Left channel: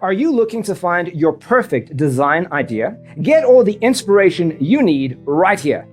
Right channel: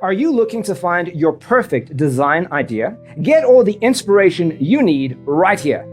Are you looking to find your perfect design idea? Get all the inspiration you need right here.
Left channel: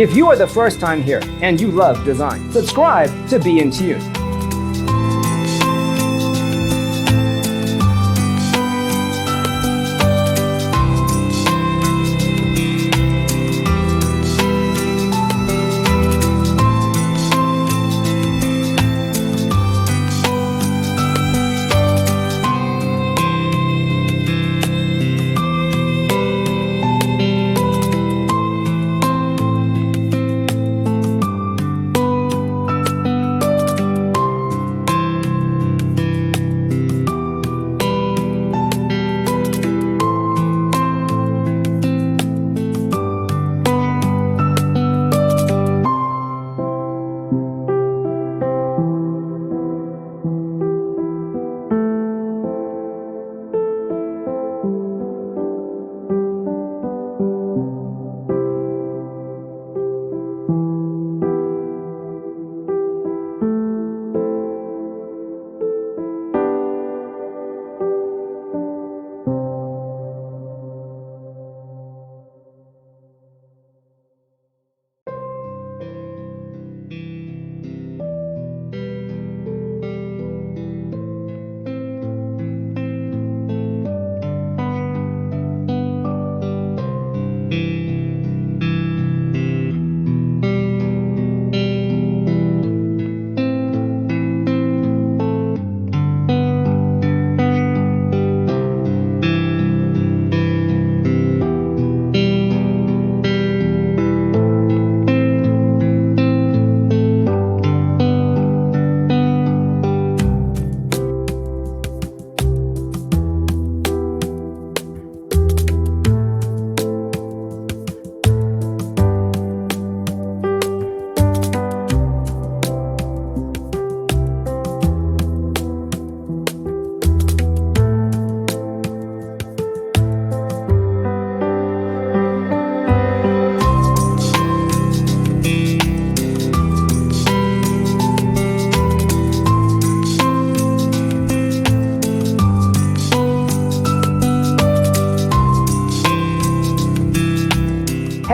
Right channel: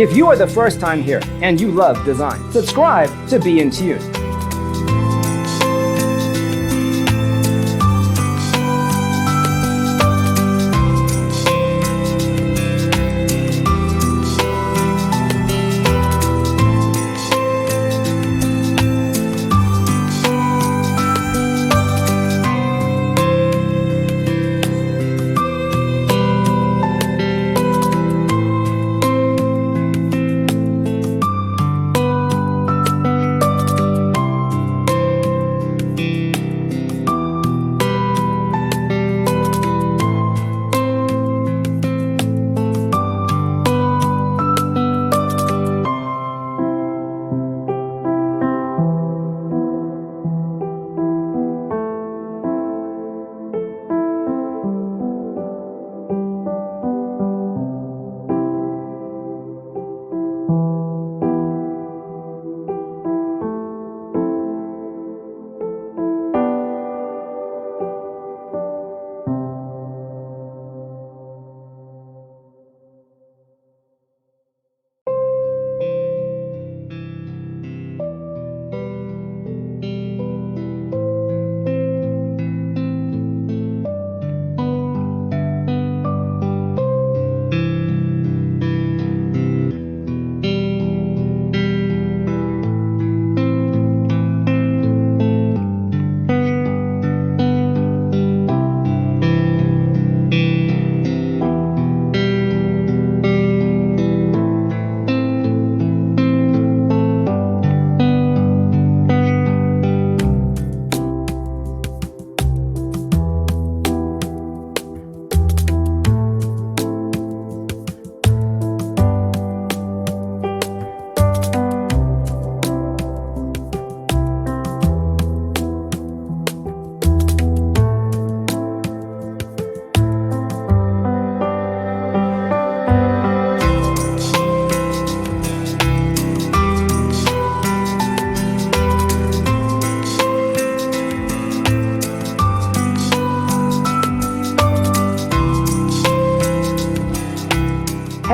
If you are the first time here and you love design, subscribe to Be in Tune.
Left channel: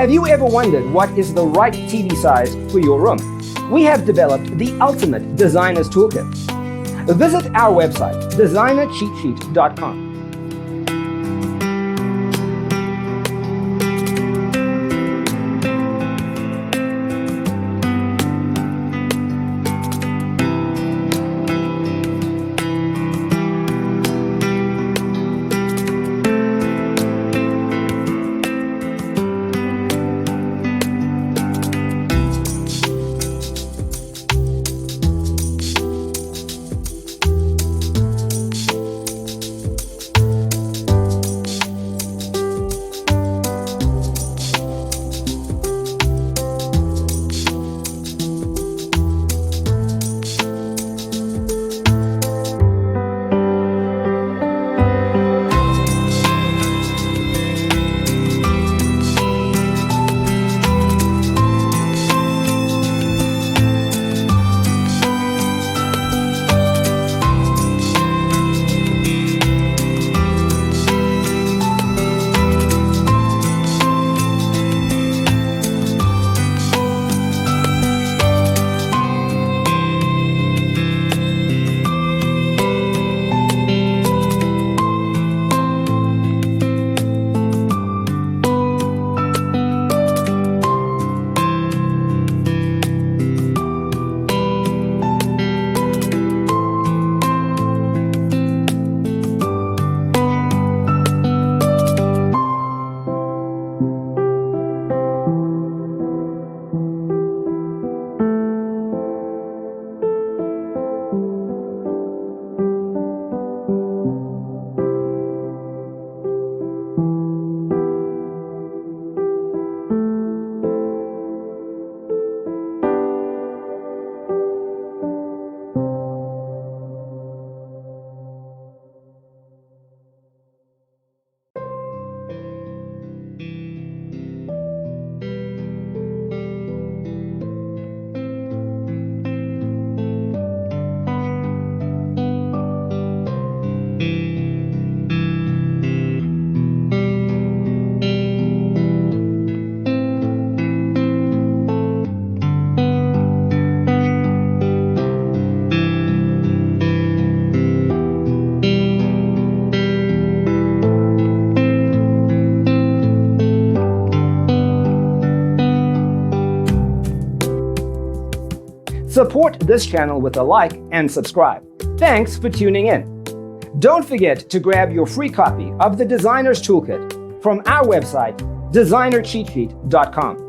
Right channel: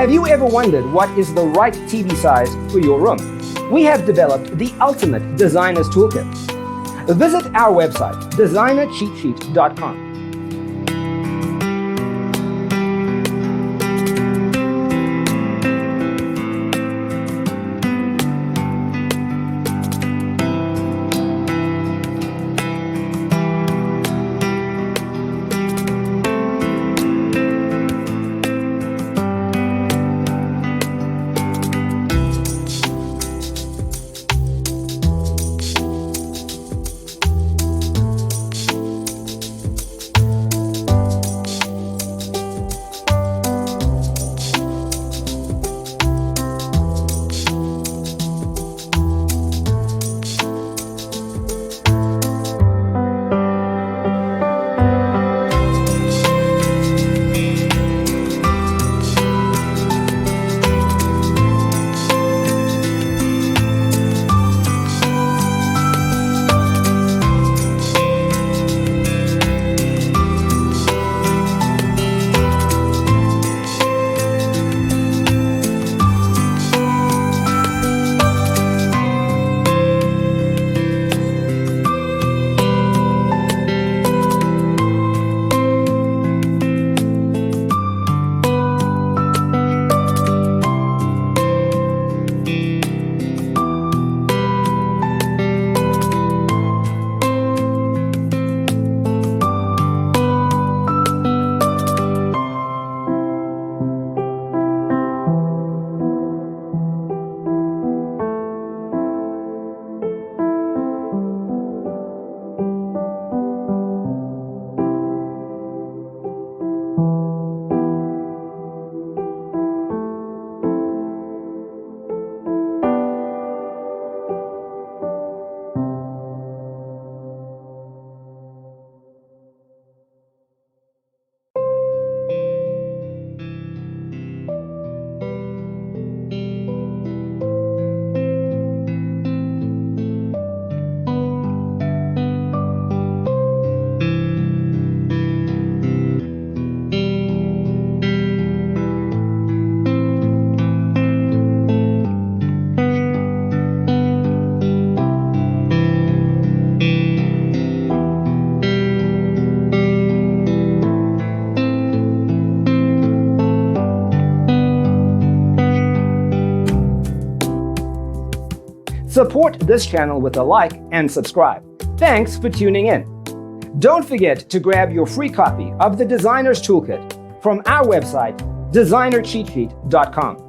Have you ever wondered what is the right TV size for your room? We have developed the ultimate designer's toolkit. Visit our website, designercheatsheet.com. Support this channel with a like and subscribe. Thanks for tuning in. Don't forget to grab your free copy of the Designer's Toolkit from our website, designercheatsheet.com.